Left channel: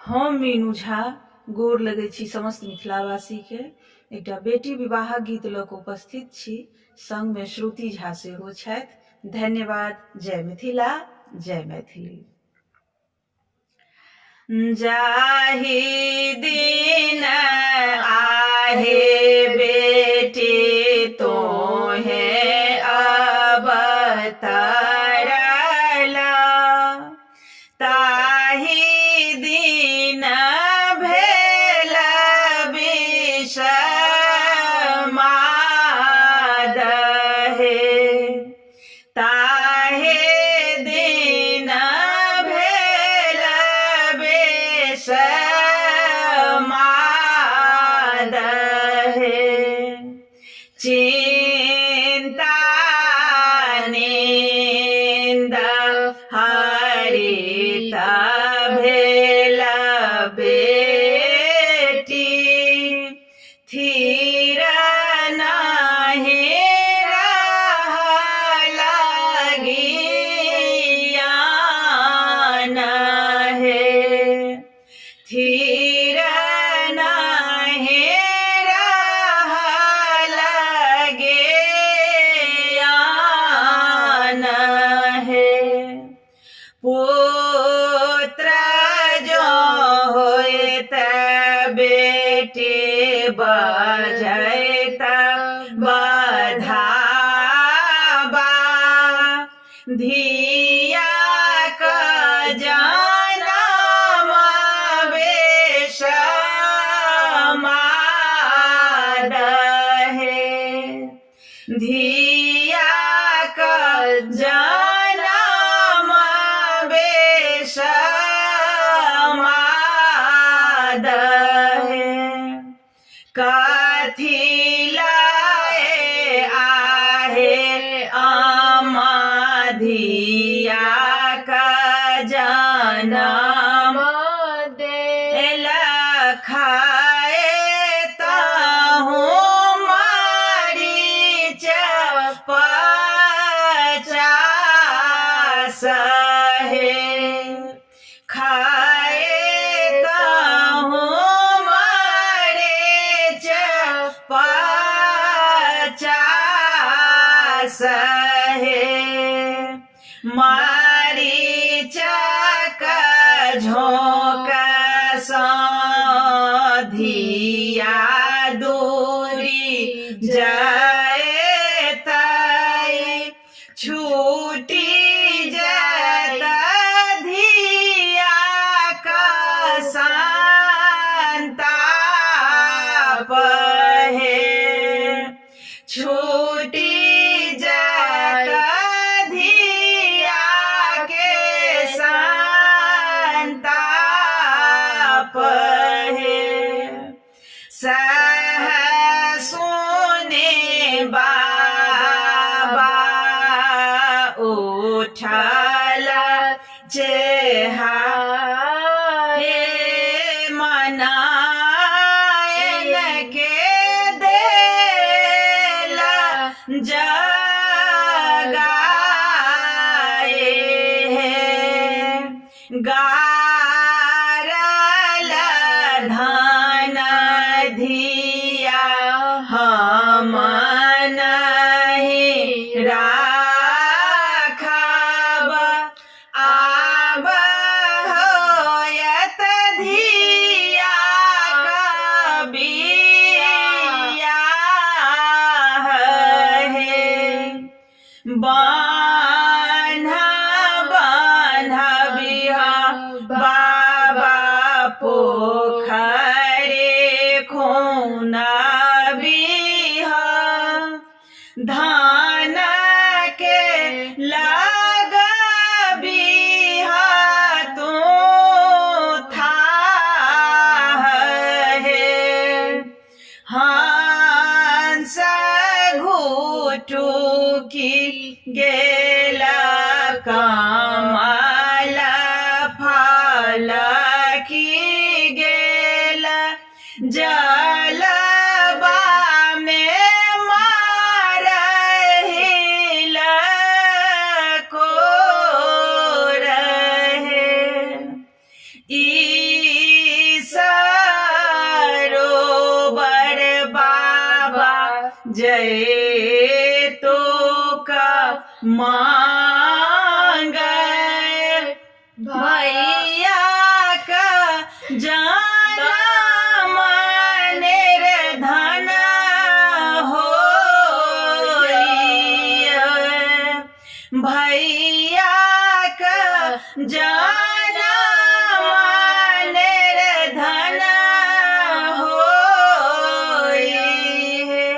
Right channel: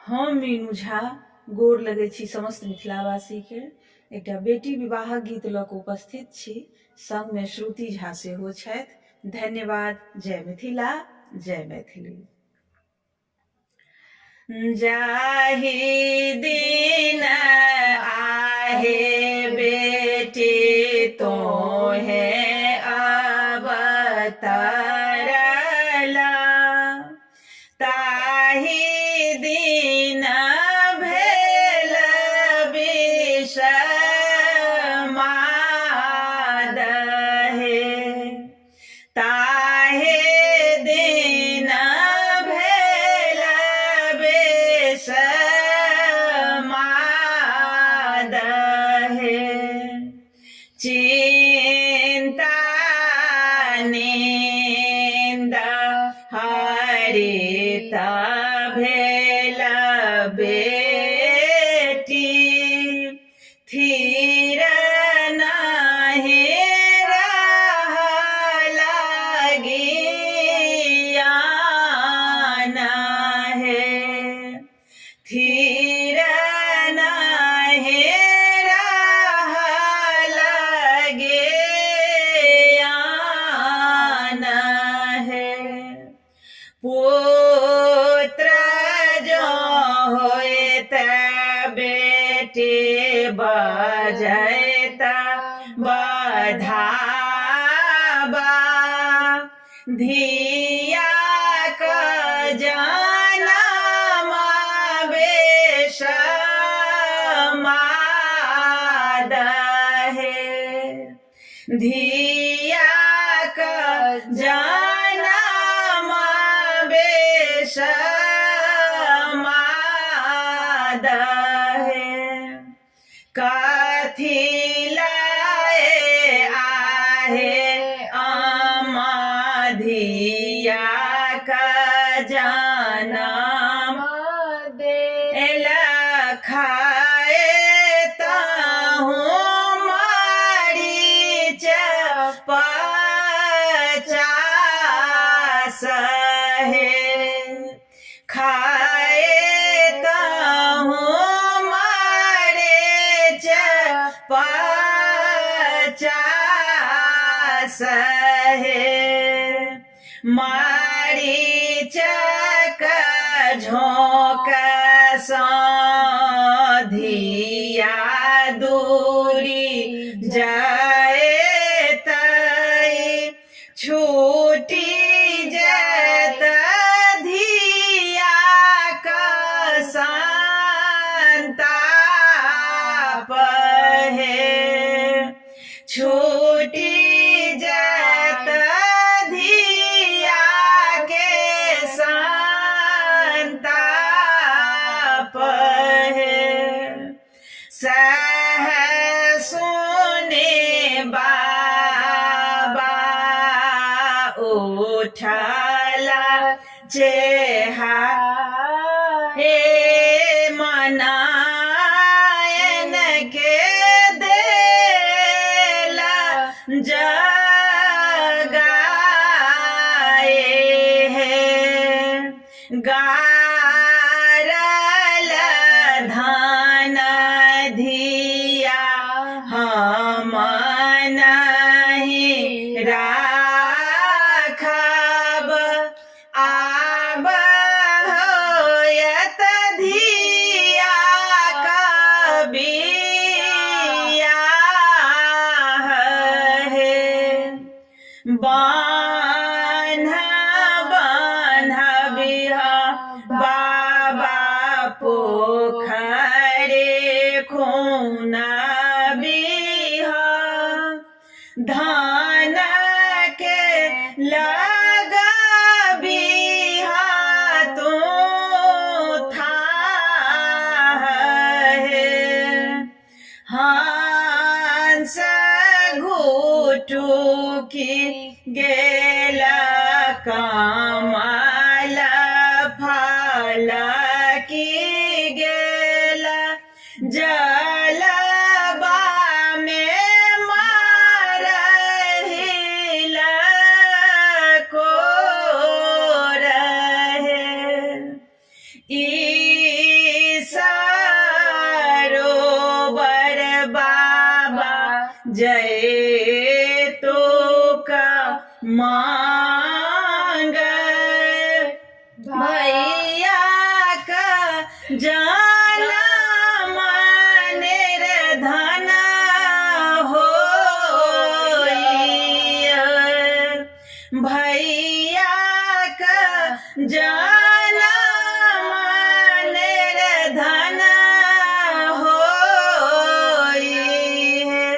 हम मीनू झा गोर लगै छी समस्त मिथिलावासी के। एकटा बेटी विवाहक गीत लऽ कऽ उपस्थित छी, संग में श्रुति झा सेहो छथि। धन्यवाद। जय मिथिला, जय मैथिली। जाहि दिन आहे बेटी तोहे अवतरला, ताहि दिन भेल विषमाद हे। ताहि दिन भेल विषमाद हे। चिंता निंद हरित भेल बेटी, थीर नाही रहल ज्ञान हे। थीर नाही रहल ज्ञान हे। पुत्र जो होइत बेटी बजैत बधावा, धिया क जनम विषमाद हे। धिया क जनम विषमाद हे। कथी लाए आहे अम्मा धिया क जनम देल, खाए ताहूँ मरीच 50 हे। खाए ताहूँ मरीच 50 हे। मरीच क झोंक सँ धिया दूरी जैतै, छूटी जैत धिया क संताप हे। छूटी जैत धिया के संताप हे। सह सुने बाबा उठला चेहा, हे मनायन के देला जगाए हे। गारल धन धिया हम नहीं राखब, आब होयत धिया क बियाह हे। बान्हबिह बाबा पोखरे खुनबिह, धान के लगबिह तू थाह हे। हंस घुटुकी गेला कमल फल की गेला, जलबा में मारहिल को रहे। ई मांगे भैया का जाना निर्धन होइए भैया का जाना